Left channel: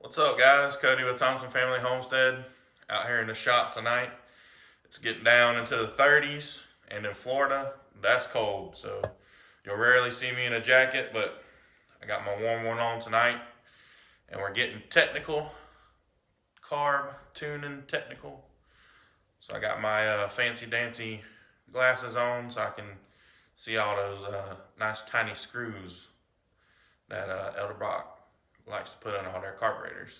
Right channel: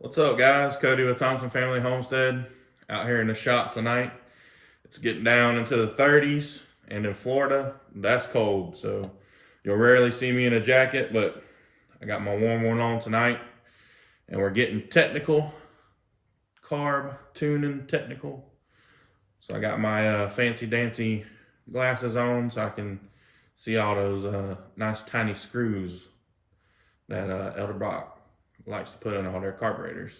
What's up, guys? Cody with Thompson Family Homestead out here in the shop tonight. It's getting down into the 30s, and in Florida, that's cold. So you'll rarely see me in a jacket, but I got my warm one on tonight, and we're getting technical, carb tuning technical. So I got my fancy dancy glasses on so I can see all those nice tiny screws that Edelbrock likes to put in all their carburetors.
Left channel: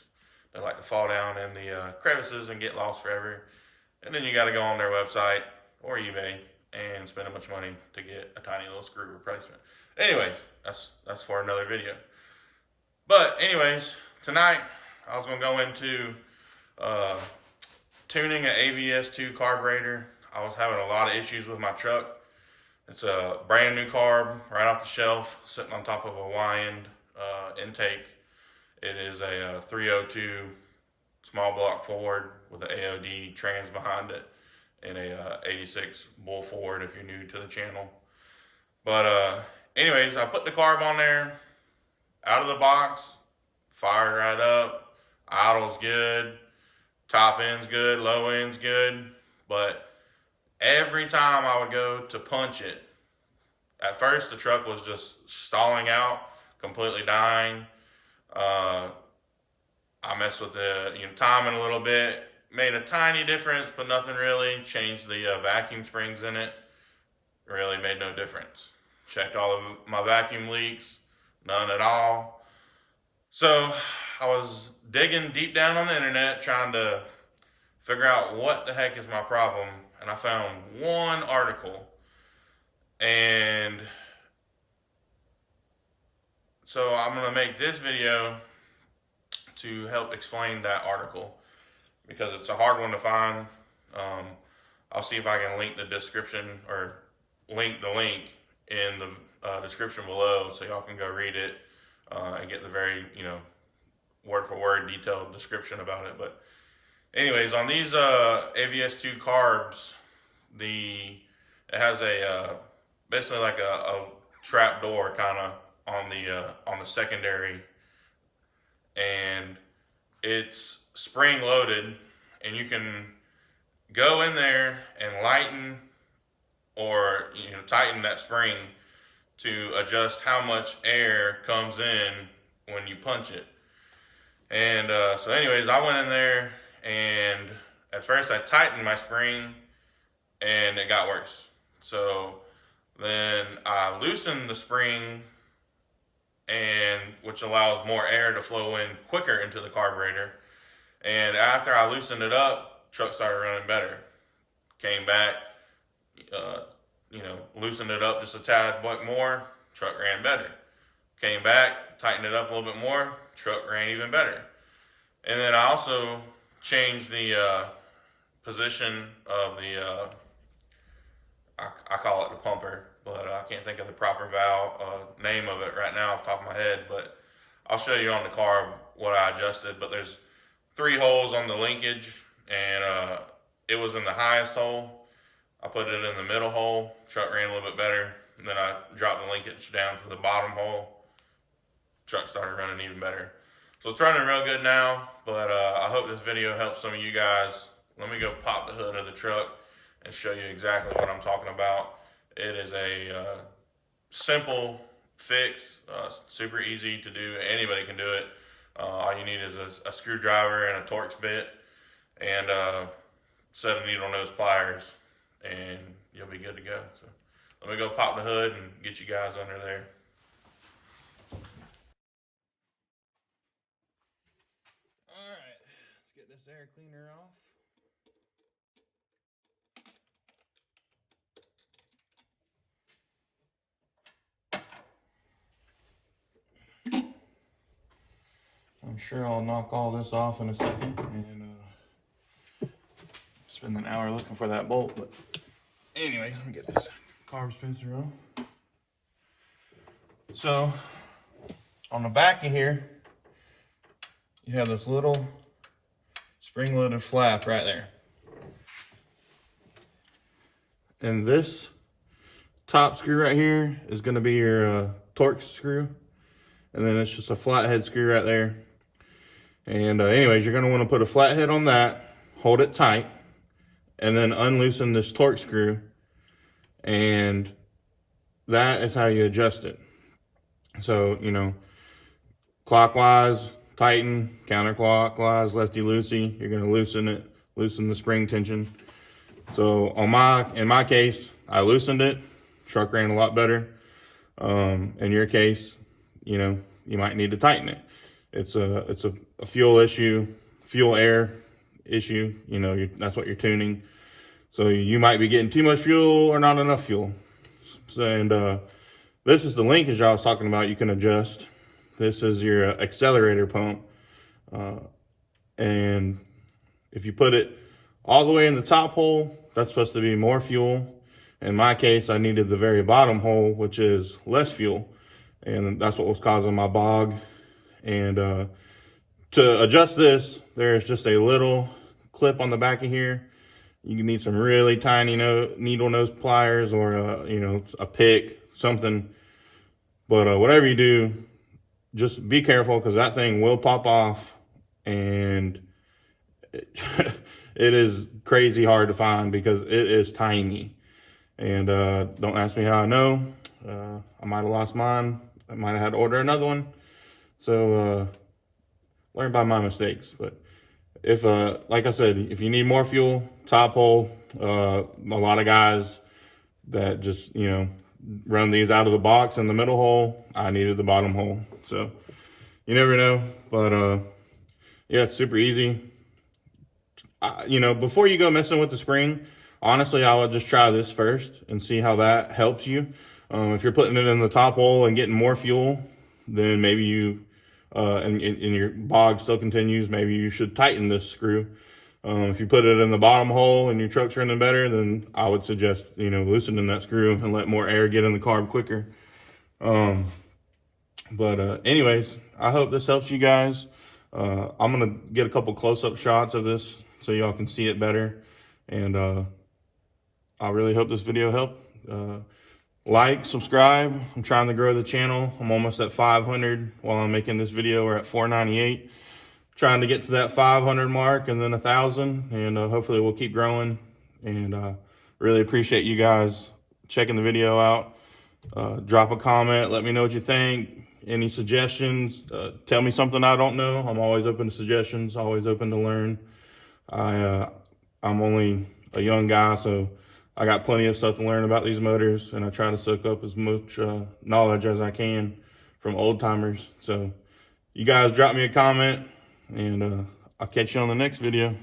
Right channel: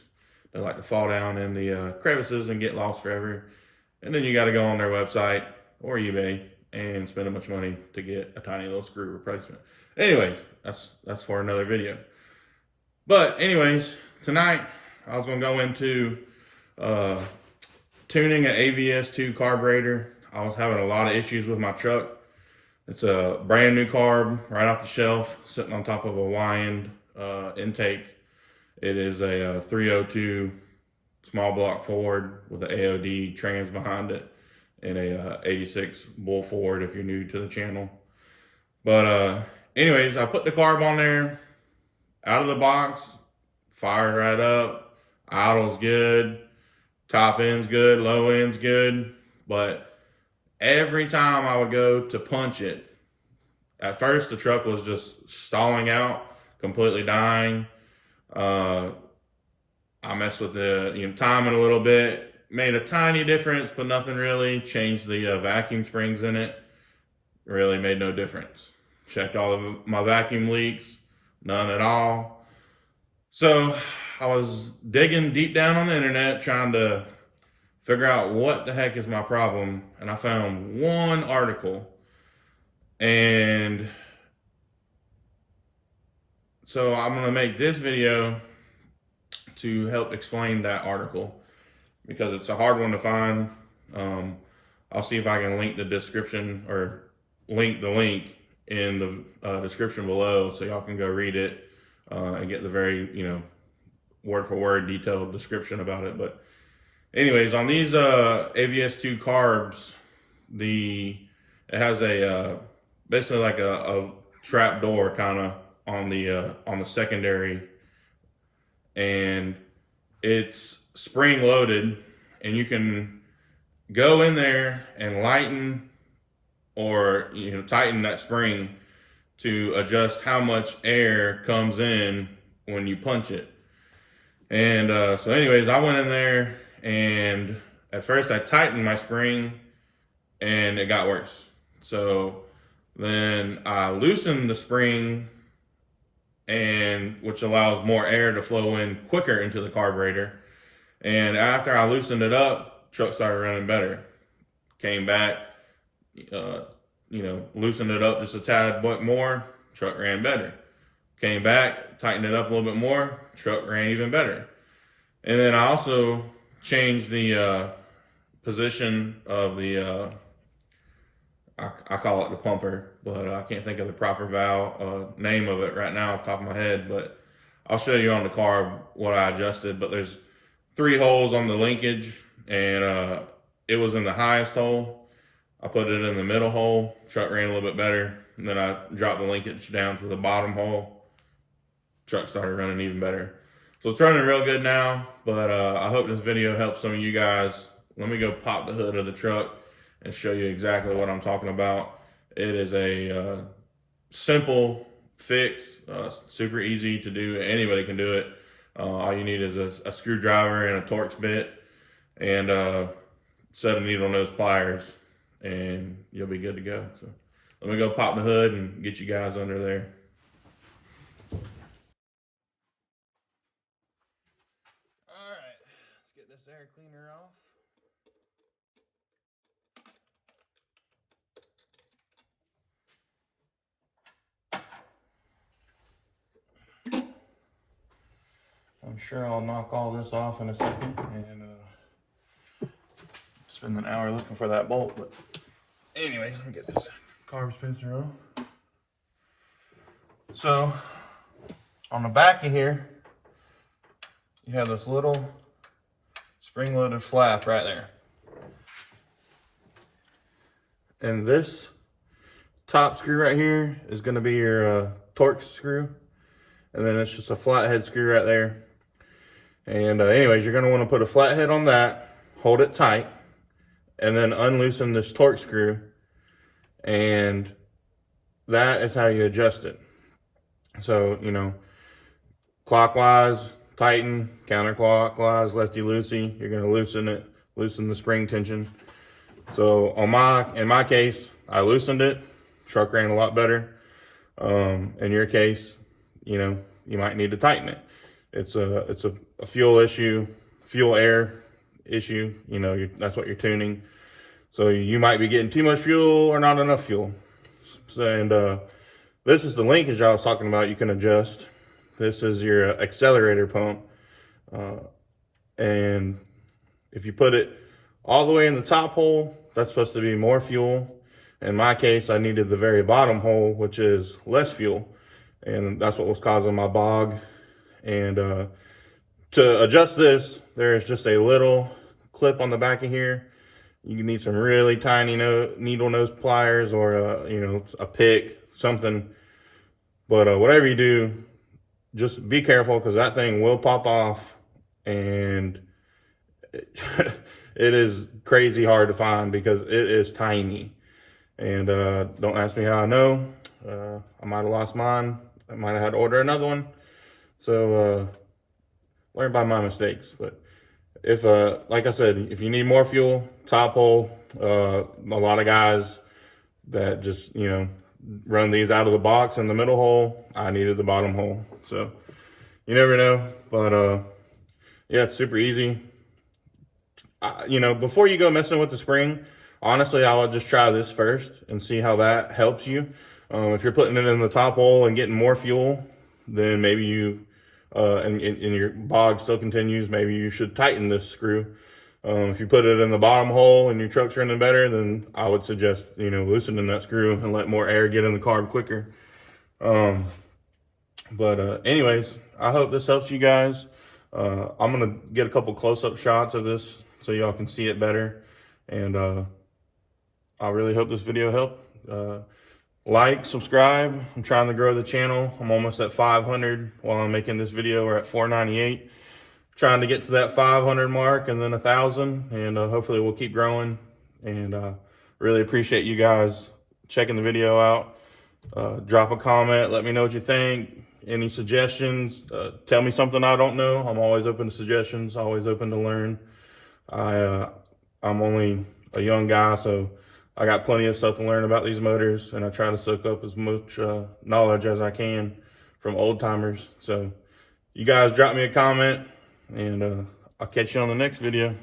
They like to fall down in the crevices and get lost forever. And then you got to go on their website or eBay and spend a bunch of money to get a tiny little screw replacement. Anyways, that's for another video. But anyways, tonight I was going to go into tuning an AVS2 carburetor. I was having a lot of issues with my truck. It's a brand new carb right off the shelf, sitting on top of a Y-end intake. It is a 302 small block Ford with an AOD trans behind it and a 86 bull Ford if you're new to the channel. But anyways, I put the carb on there, out of the box, fired right up, idle's good, top end's good, low end's good. But every time I would go to punch it, at first the truck was just stalling out, completely dying. I messed with the timing a little bit, made a tiny difference, but nothing really. Changed the vacuum springs in it, really made no difference. Checked all of my vacuum leaks, none at all. So I was digging deep down on the internet trying to figure out what the heck is my problem, and I found one article. And so I'm going to make this video to help explain that article because it's a hard one to find. I'll see if I can link the description or link the link in the description below so y'all can go read it and get the very, word for word detailed description about it. But anyways, on these AVS2 carbs, it has a basically like a trap door kind of on the secondary, and it's spring loaded, and you can go in there and lighten or tighten that spring to adjust how much air comes in when you punch it. And so anyways, I went in there, and at first I tightened my spring and it got worse. So then I loosened the spring, and which allows more air to flow in quicker into the carburetor. And after I loosened it up, truck started running better. Came back, loosened it up just a tad bit more, truck ran better. Came back, tightened it up a little bit more, truck ran even better. And then I also changed the position of the I call it the pumper, but I can't think of the proper valve name of it right now off the top of my head, but I'll show you on the carb what I adjusted. But there's 3 holes on the linkage, and it was in the highest hole. I put it in the middle hole, truck ran a little bit better, and then I dropped the linkage down to the bottom hole, truck started running even better. So it's running real good now, but I hope this video helps some of you guys. Let me go pop the hood of the truck and show you exactly what I'm talking about. It is a simple fix, super easy to do. Anybody can do it. All you need is a screwdriver and a Torx bit and 7 needle nose pliers, and you'll be good to go. So let me go pop the hood and get you guys under there. All right, let's get this air cleaner off. I'm sure I'll knock all this off in a second and spend an hour looking for that bolt. But anyway, let me get this carb dispenser off. So on the back of here, you have this little spring-loaded flap right there. And this top screw right here is going to be your Torx screw. And then it's just a flathead screw right there. And anyways, you're gonna wanna put a flathead on that, hold it tight, and then unloosen this torque screw, and that is how you adjust it. So, you know, clockwise, tighten, counterclockwise, lefty-loosey, you're gonna loosen it, loosen the spring tension. So in my case, I loosened it, truck ran a lot better. In your case, you know, you might need to tighten it. It's a fuel issue, fuel air issue, you know, that's what you're tuning. So you might be getting too much fuel or not enough fuel. And this is the linkage I was talking about. You can adjust. This is your accelerator pump. And if you put it all the way in the top hole, that's supposed to be more fuel. In my case, I needed the very bottom hole, which is less fuel. And that's what was causing my bog. And to adjust this, there's just a little clip on the back of here. You need some really tiny needle nose pliers, or you know, a pick, something. But whatever you do, just be careful, because that thing will pop off, and it is crazy hard to find because it is tiny. And don't ask me how I know. I might have lost mine. I might have had to order another one. So learn by my mistakes. But if, like I said, if you need more fuel, top hole, a lot of guys that just, you know, run these out of the box in the middle hole. I needed the bottom hole. So you never know. But yeah, it's super easy. You know, before you go messing with the spring, honestly, I would just try this first and see how that helps you. If you're putting it in the top hole and getting more fuel, then maybe you, and your bog still continues, maybe you should tighten this screw. If you put it in the bottom hole and your truck's running better, then I would suggest, you know, loosening that screw and let more air get in the carb quicker. Anyways, I hope this helps you guys. I'm gonna get a couple close-up shots of this so y'all can see it better. And I really hope this video helped. Like, subscribe. I'm trying to grow the channel. I'm almost at 500 while I'm making this video. We're at 498. Trying to get to that 500 mark and then 1,000. And hopefully we'll keep growing. And really appreciate you guys checking the video out. Drop a comment. Let me know what you think. Any suggestions. Tell me something I don't know. I'm always open to suggestions. Always open to learn. I'm only a young guy, so I got plenty of stuff to learn about these motors, and I try to soak up as much knowledge as I can from old timers. So you guys drop me a comment, and I'll catch you on the next video.